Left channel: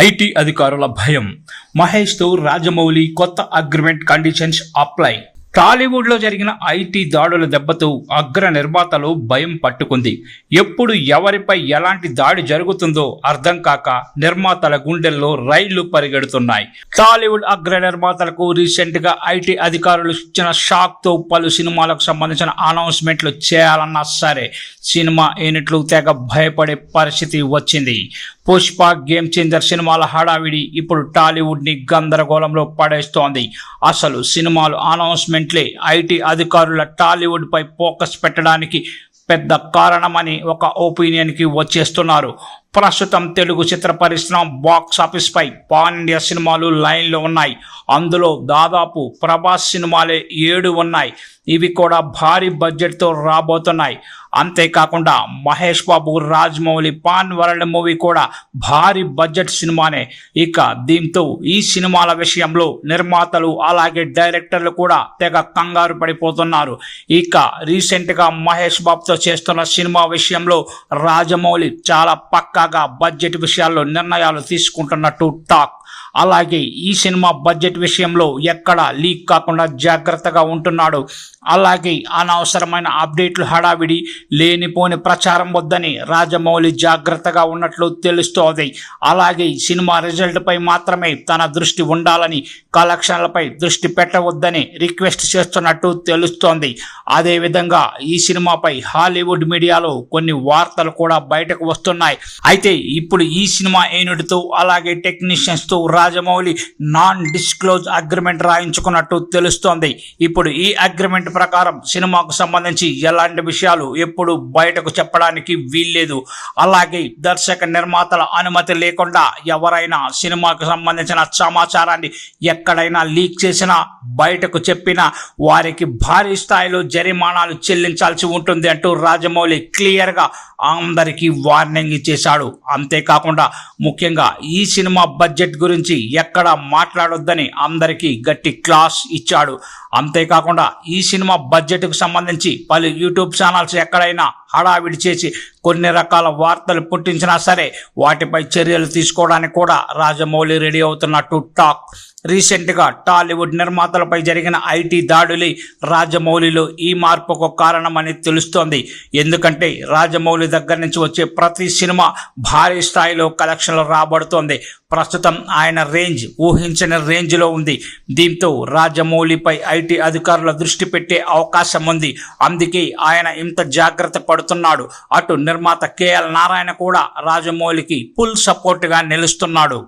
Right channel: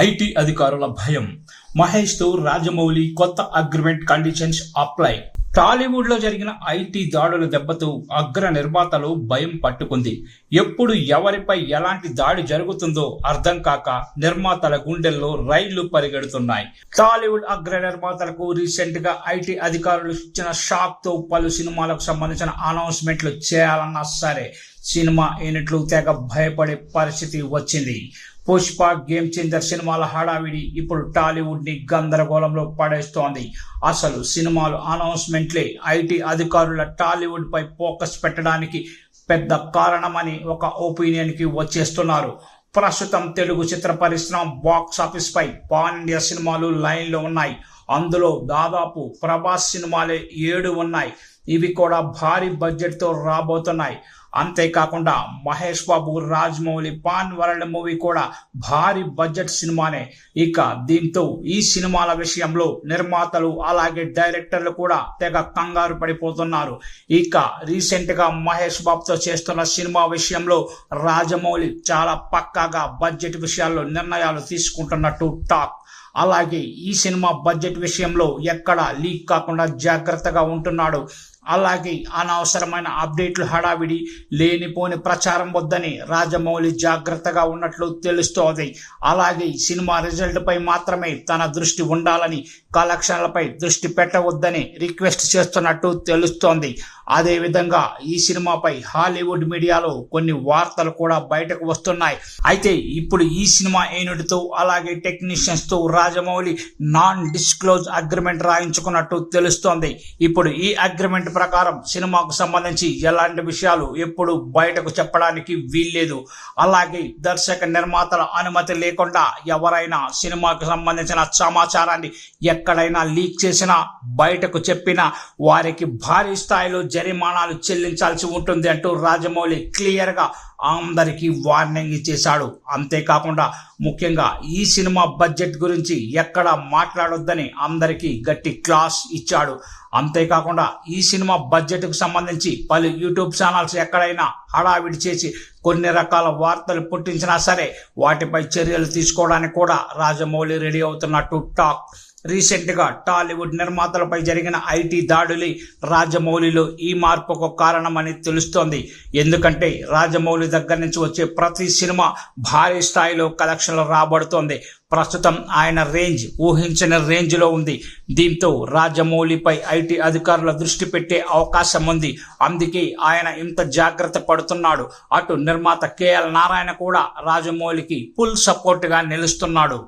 IT అధికారుల భయం. మహేష్తో రాజమౌళి కొత్త అగ్రిమెంట్ కండిషన్స్ అప్లై. టాలీవుడ్లో జరిగిన ఐటీ దాడుల దెబ్బతో అగ్ర నిర్మాతలు భయం పట్టుకుంది. ఎప్పుడు ఎవరిపై ఎలాంటి దాడి జరుగుతుందో అర్థం కాక నిర్మాతల గుండెల్లో రైళ్లు పరిగెడుతున్నాయి. టాలీవుడ్ అగ్ర నిర్మాతలకు రీసెంట్ గా ఐటీ అధికారులు ఇచ్చిన షాక్ తో పలు సినిమాలకు సంబంధించిన అనౌన్స్మెంట్లు చేయాలన్నా సరే సినిమా యూనిట్లు తెగ భయపడే పరిస్థితి వచ్చింది. పుష్ప, గేమ్ చేంజర్ సినిమాల హడావిడి ఇప్పుడు టాలీవుడ్ ని గందరగోళంలో పడేస్తోంది. అసలు సినిమాలు అనౌన్స్మెంట్లే ఐటీ అధికారుల టాలీవుడ్ పై ఫోకస్ పెట్టడానికి పెద్ద కారణమని ఒక ఒపీనియన్ కి వచ్చేస్తున్నారు. ప్రస్తుతం తెలుగు చిత్ర పరిశ్రమ బాక్స్ ఆఫీస్ పై పాన్ ఇండియా సినిమాలు లైన్లో ఉన్నాయి. అందులో దాదాపు ప్రభాస్ సినిమాలే 7 ఉన్నాయి. ఇవి కూడా భారీ బడ్జెట్తో రాబోతున్నాయి. అంతేకాకుండా Mahesh Babu, Rajamouli pan world movie కూడా భారీ బడ్జెట్ సినిమానే. ఇక దీంతో ఈ సినిమాల విషయంలో నిర్మాతలు అలాగే డైరెక్టర్లు కూడా తెగ కంగారు పడిపోతున్నారు. ఇక రీసెంట్గా మహేష్ బాబుతో చేస్తున్న సినిమా విషయంలో రాజమౌళి చాలా పక్కాగా బడ్జెట్ విషయాల్లో నిర్ణయాలు తీసుకుంటున్నట్టు టాక్. అలాగే ఈ సినిమా బడ్జెట్ విషయంలో ఎక్కడా లీక్ కాకుండా జాగ్రత్తగా ఉంటున్నాడు. అలాగే అనవసరమైన అప్డేట్లు, హడావిడి, లేనిపోని ప్రచారం వద్దని రాజమౌళి జాగ్రత్తగా ఉన్నట్లు తెలుస్తోంది. అలాగే సినిమా రిజల్ట్ పై మాత్రమే తన దృష్టి ఉండాలని, కలెక్షన్లపై దృష్టి పెట్టవద్దని రిక్వెస్ట్ చేస్తున్నట్టు తెలుస్తోంది. అదేవిధంగా ఈ సినిమాపై హాలీవుడ్ మీడియాలో కొన్ని వార్తలు కూడా బయటకు వస్తున్నాయి. అయితే ఇప్పుడు ఈ సినిమా యూనిట్తో అలాగే టెక్నీషియన్స్తో రాజమౌళి నాన్ డిస్క్లోజ్ అగ్రిమెంట్ రాయించుకున్నట్టు తెలుస్తోంది. ఇప్పుడు ఈ అగ్రిమెంట్ ప్రకారం సినిమాకు సంబంధించి ఎలాంటి విషయాలు ఎప్పుడు బయటకు చెప్పడానికి వీల్లేదు. అలాగే దర్శక నిర్మాతల అనుమతి లేకుండా ఎవరైనా సినిమాకు సంబంధించిన సమాచారాన్ని ఎక్కడైనా లీక్ చేసినా, బయటకు చెప్పినా వారికి భారీ స్థాయిలో జరిమానాలు చెల్లించాల్సి ఉంటుంది అంటూ రాజమౌళి క్లియర్గా అందరికీ వార్నింగ్ ఇచ్చేశాడు. అంతేకాకుండా ముఖ్యంగా ఈ సినిమా బడ్జెట్ గురించి ఎక్కడ మాట్లాడొద్దని అందరికీ గట్టి క్లాస్ ఇచ్చాడు. అంతేకాకుండా ఈ సినిమా బడ్జెట్కు సంబంధించి పలు యూట్యూబ్ ఛానల్స్ ఎక్కడైనా హడావిడి చేసి కొన్ని రకాల వార్తలు పుట్టించినా సరే వాటిపై చర్యలు తీసుకోవడానికి కూడా రాజమౌళి రెడీ అవుతున్నట్టు టాక్. రీసెంట్గా టాలీవుడ్ నిర్మాతలపై జరిగిన ఐటీ దాడులే రాజమౌళిలో ఈ మార్పుకు కారణమని తెలుస్తోంది. ఎందుకంటే రాజమౌళి దగ్గర నుంచి వచ్చే ప్రతి సినిమా భారీ స్థాయిలో కలెక్షన్లు రాబడుతోంది. ప్రస్తుతం ఆయన రేంజ్ ఊహించని రేంజ్లో ఉంది. దీంతో రాజమౌళిపై ఐటీ అధికారుల దృష్టి పెట్టే అవకాశం ఉంది. అందుకే ఆయన ఇంత జాగ్రత్త పడుతున్నాడు. అటు నిర్మాత కేఎల్ నారాయణ కూడా రాజమౌళికి ఫుల్ సపోర్ట్గా నిలుస్తున్నాడు.